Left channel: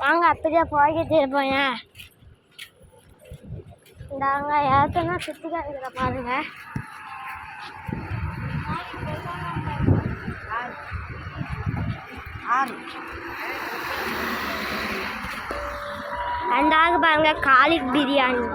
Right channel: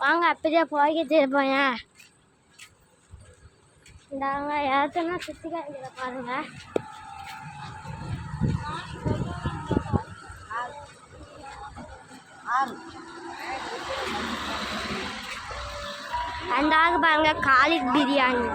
வாங்க அப்படியே போய்கிட்டு இருப்போங்க. இந்தாங்க ஏத்தனா சுற்றி காமிக்கிற பாருங்க. அண்டாக பாருங்க காலிக் பிரியாணி.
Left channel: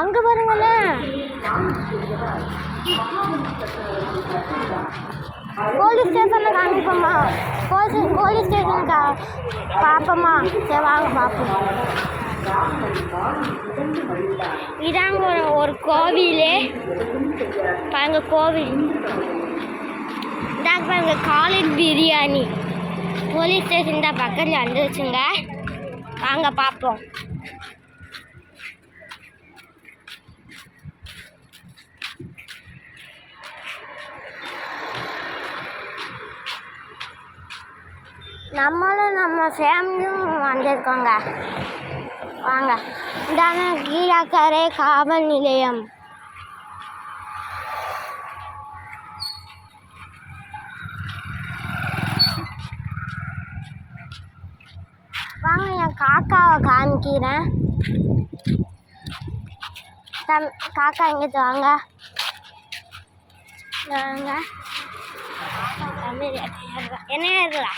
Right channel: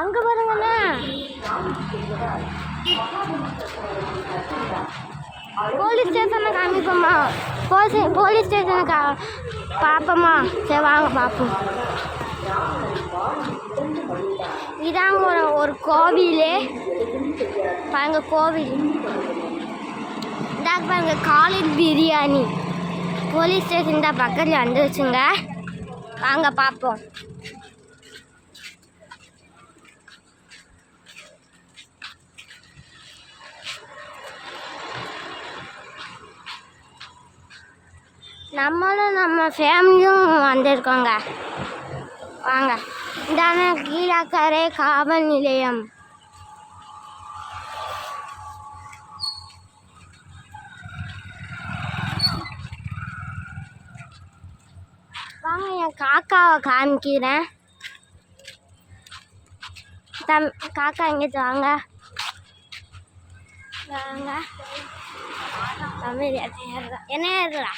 அங்க பாருங்கள போலீஸ் ஸ்டேஷனை காமிப்போம்மா. போலீஸ் ஸ்டேஷனை பார்ப்போம்மா. சரி வாங்க பார்ப்போம். இதாங்க ஒரு கோவில் பாருங்க. கோவில் இதாக பாருங்க காலிக் பிரியாணி. போலீஸ் ஸ்டேஷன் தான் பக்கத்தில் வந்துருச்சுங்க. வாங்க பார்ப்போம். நம்மளும் நம்ம ஃபேமிலியும் வந்திருக்கோங்க. வாங்க. இதான கீழக்கரை காவல் நிலையம். வாங்க என் காக்காவை காமிக்கிறேன். காக்கா எங்கிட்டு வாங்க. வாங்க என்ன ஏறுறா